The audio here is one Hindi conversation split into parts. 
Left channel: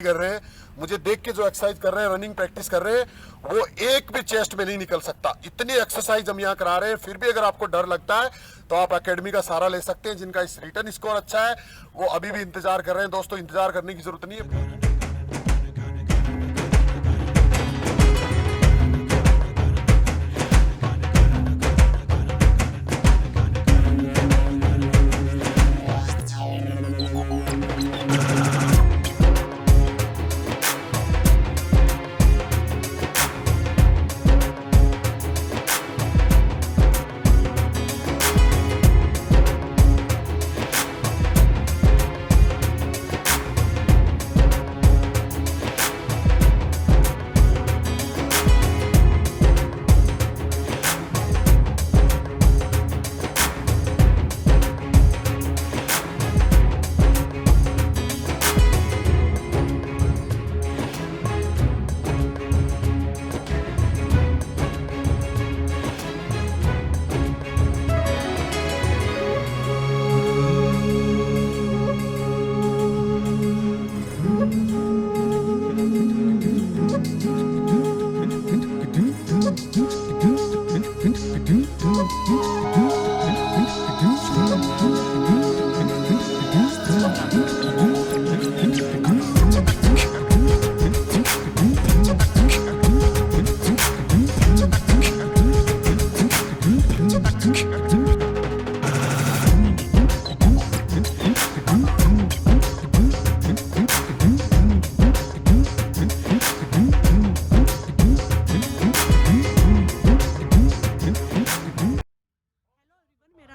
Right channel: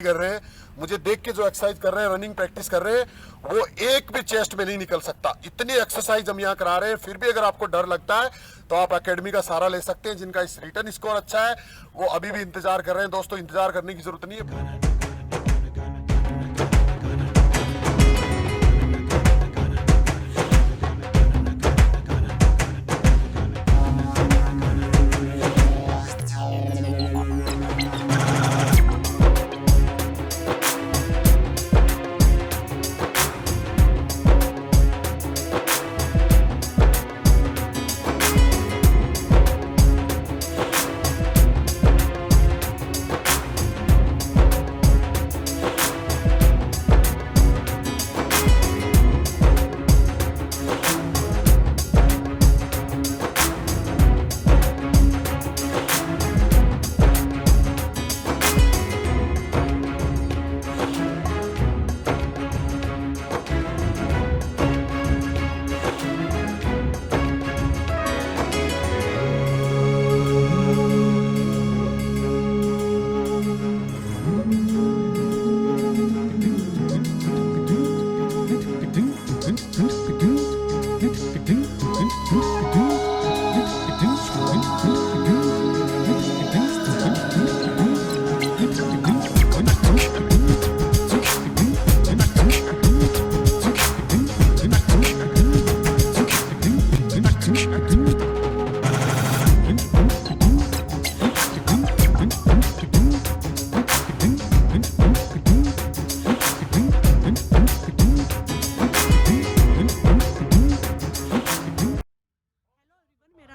कर रहे हैं, मुझे देख के जो एक्सरसाइज कर रहे हैं, रनिंग प्रैक्टिस कर रहे हैं, वो एक भी चेस्ट में नहीं निकल सकता। इतनी एक्सरसाइज हम यहाँ करा रहे हैं। फिर भी अगर आपको डर लगता है तो आप एकेडमी का सहारा ले सकते हैं। जिनका इस रिटर्न स्कोर अच्छा है वो अभी भी इंतजार कर रहे हैं। दोस्तों, इंतजार करने की जरूरत नहीं है।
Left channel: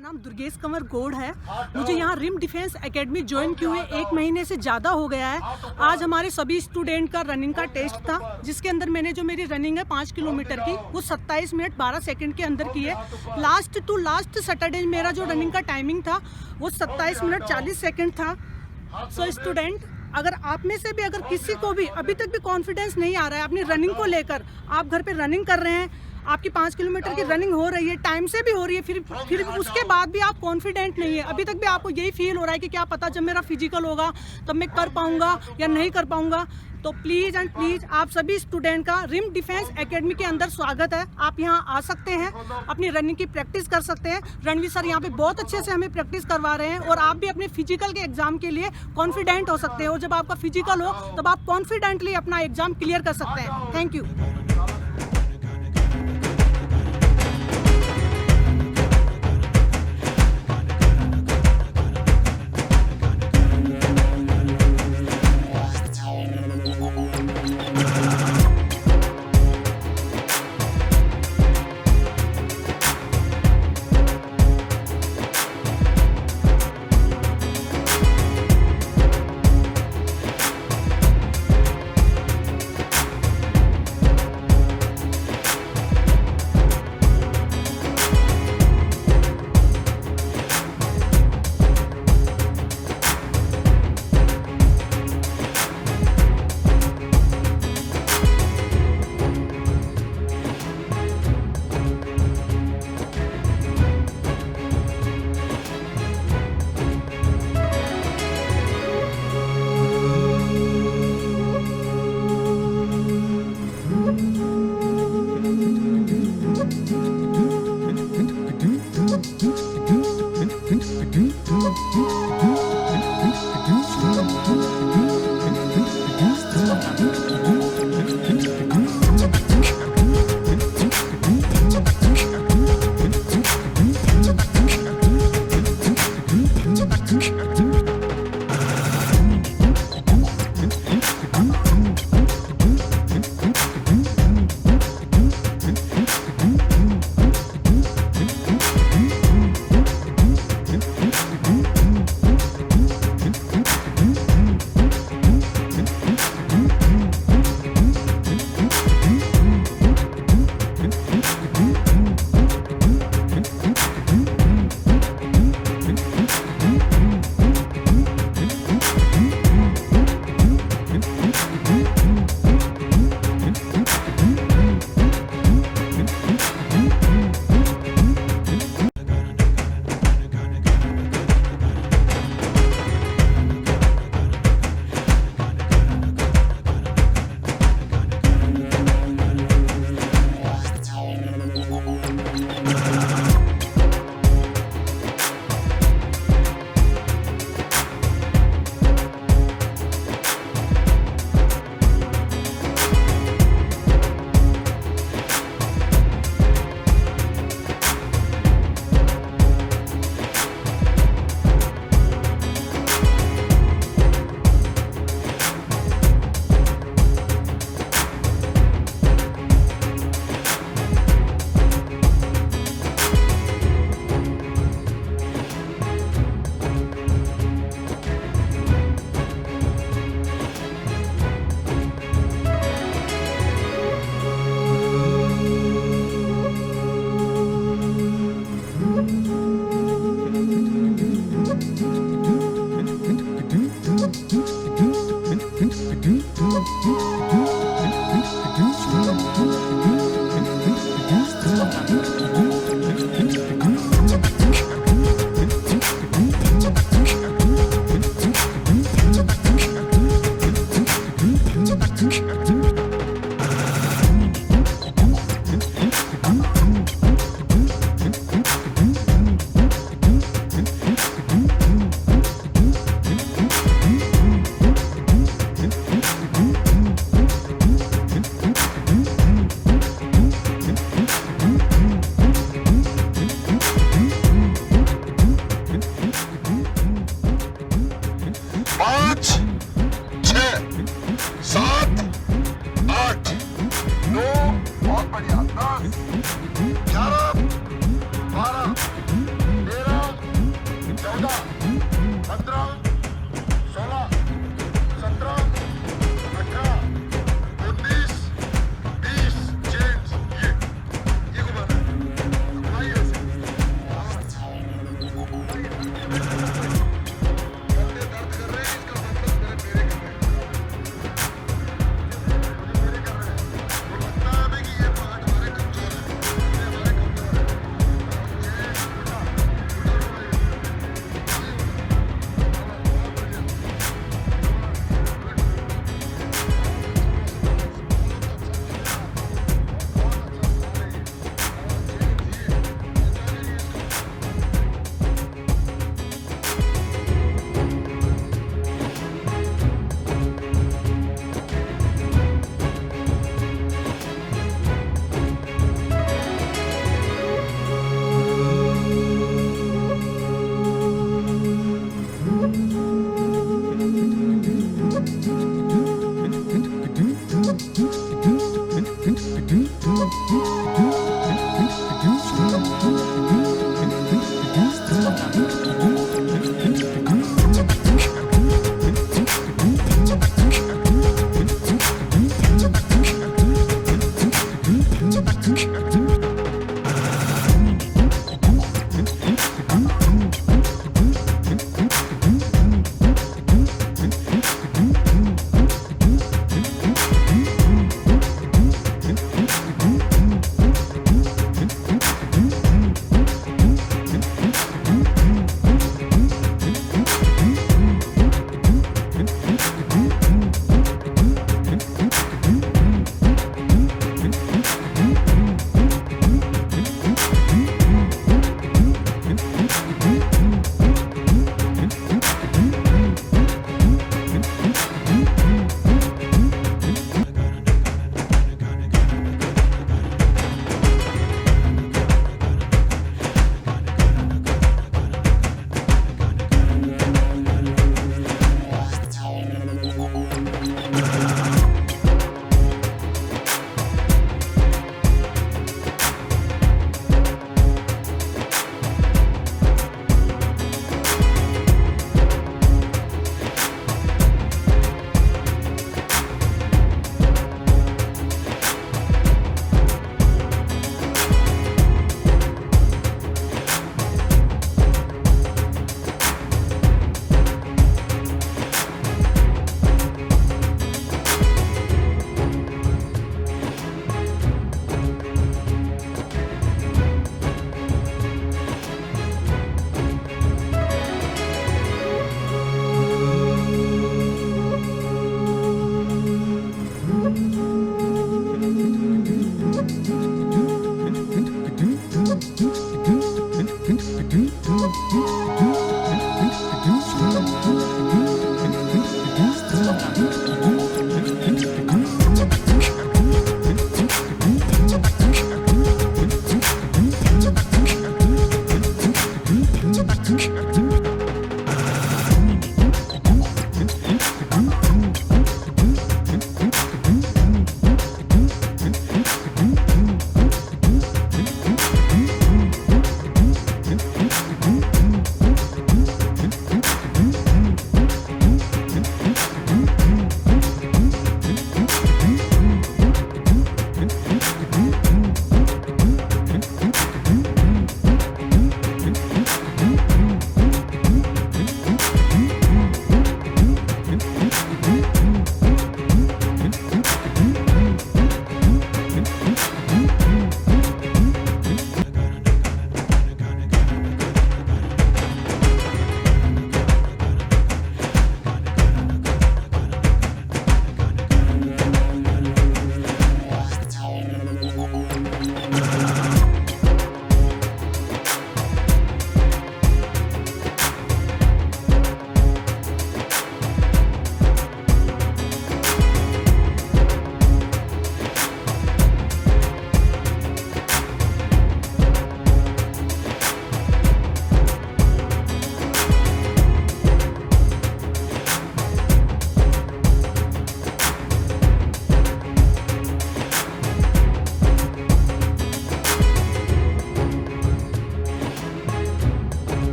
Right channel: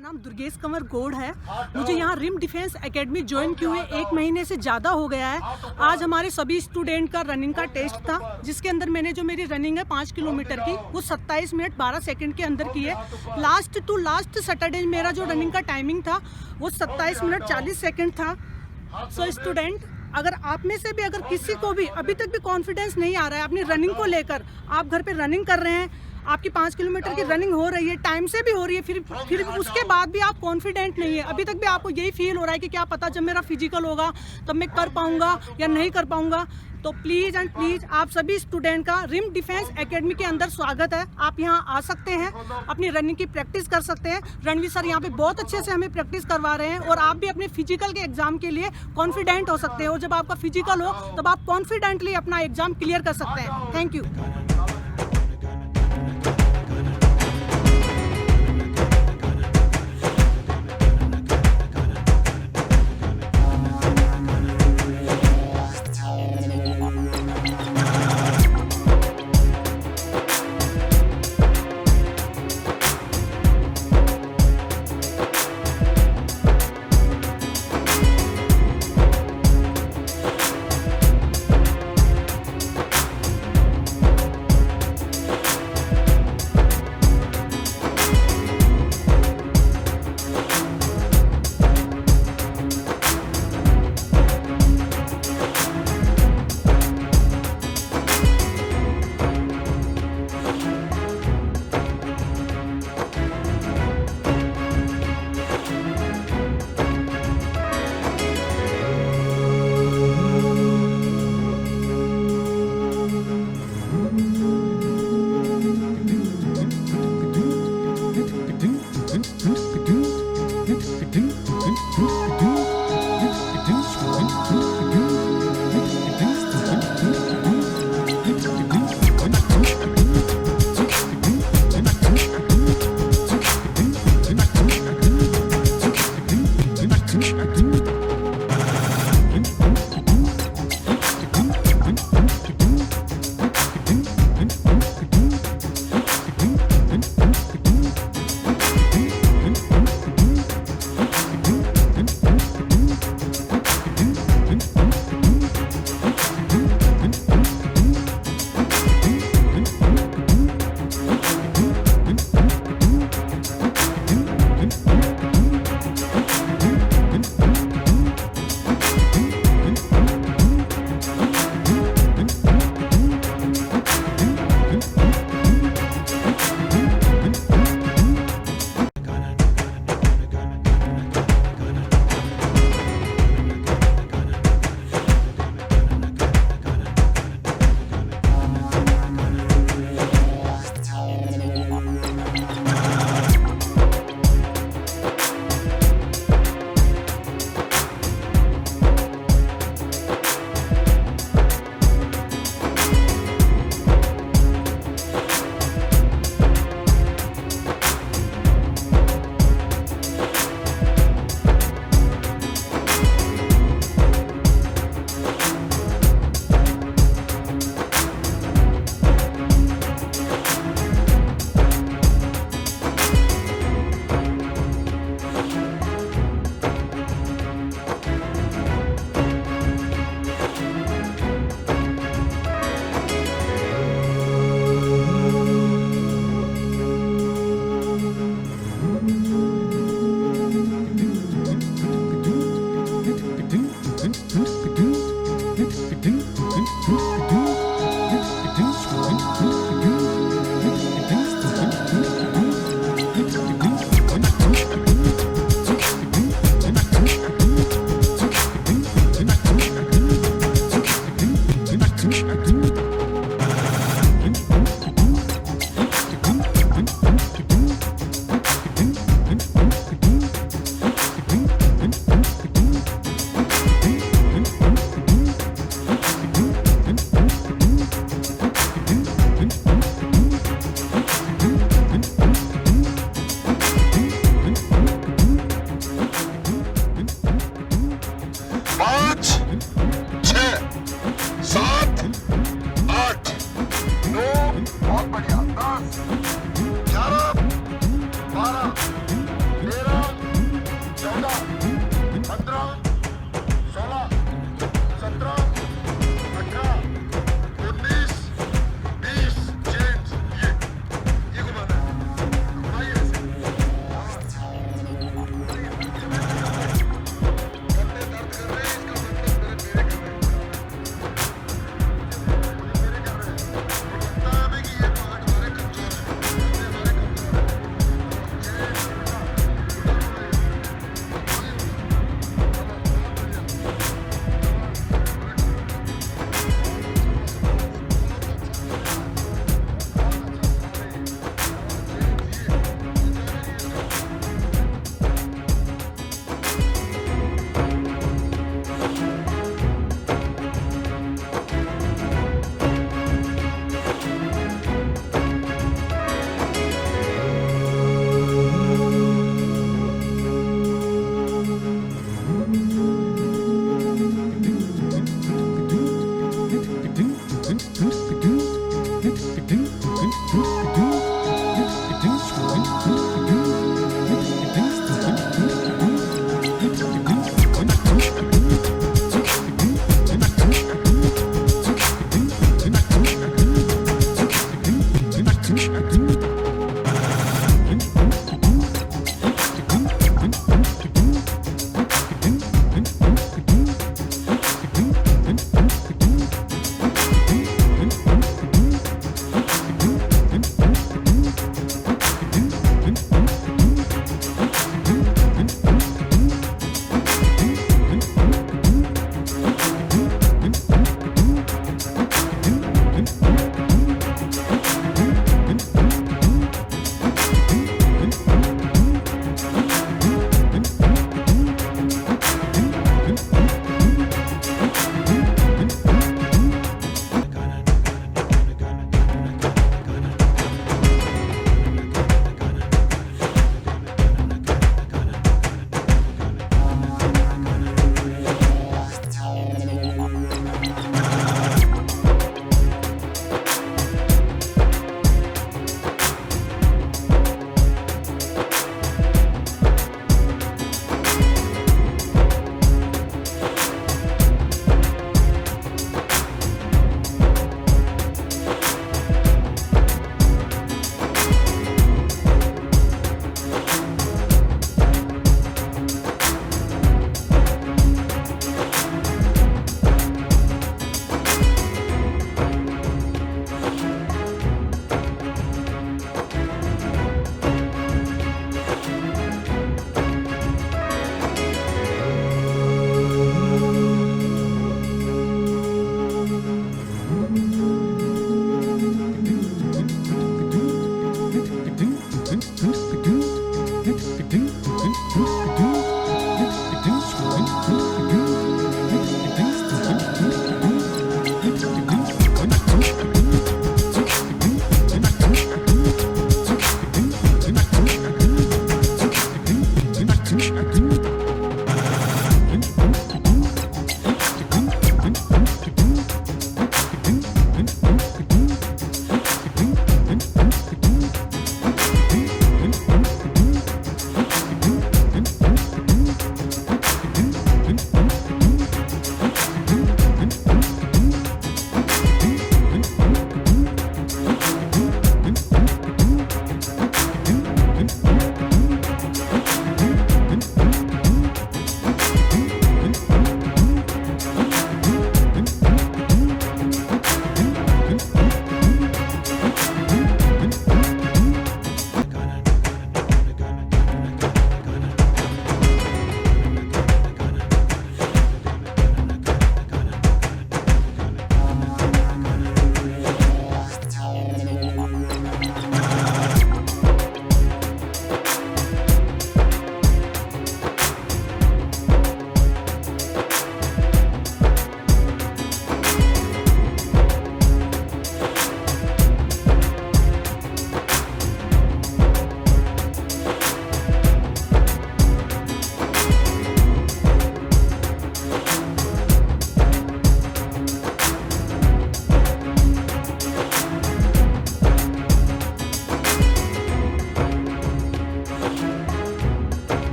नाम दुर्गेश कंवर गौड़ है। मुझे यहाँ रिम डिफेंस एकेडमी ज्वाइन किए हुए 1 महीने से ज़्यादा हो गया है। आज हमारे सभी स्टूडेंट का रनिंग का टेस्ट था, जिसके अंदर मैंने जो मेरी रनिंग है 5 किलोमीटर की, वो 27 मिनट 12 सेकंड के अंदर की है। लास्ट टू लास्ट सैटरडे मेरा जो रनिंग का टाइमिंग था वो 27 मिनट 40 सेकंड था। सो स्टूडेंट, अगर आप में से भी अगर किसी को भी अभी तक भी कॉन्फिडेंस नहीं आ रहा है अपनी रनिंग को लेकर, आप घर पे रनिंग कर रहे हैं, आपकी 5 किलोमीटर की रनिंग हो रही है, टाइम से भी हो रही है, फिर उसके बाद भी आप कॉन्फिडेंट नहीं है, अभी तक भी आपको यही फील हो रहा है कि क्या पता जब मेरा फिजिकल होगा तब मैं कर पाऊंगा या नहीं कर पाऊंगा, तो प्लीज़ एंड प्लीज़ आप सभी स्टूडेंट का रिम डिफेंस एकेडमी के अंदर स्वागत है। आप यहाँ आ सकते हैं, अपनी रनिंग की प्रैक्टिस कर सकते हैं। रणवीर सर यहाँ पे बहुत अच्छे से हमें प्रैक्टिस करवा रहे हैं और आप भी अपने फिजिकल के एग्जाम के लिए कॉन्फिडेंट हो सकते हैं, और जब आपका फिजिकल हो तब आप कॉन्फिडेंटली अपना एग्जाम क्लियर कर सकते हैं। Thank you. 7, 8, 9, बहुत बढ़िया, 10, 11, 12, 13, 14, 15, 16, 17, 18, 19, 20, चेंज, ये घुमाना है, घुमाइए ऐसे, कंधे दर्द कर रहे हैं, इसका मतलब मेरे कर रहे हैं, मुझे मेरे कर रहे हैं, और लगता है हमें कि ये पार्ट हमारे कमजोर है, कंधे हमारे कमजोर है, चेंज, उल्टा, उल्टा घुमाइए, बहुत बढ़िया,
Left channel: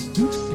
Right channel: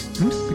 है।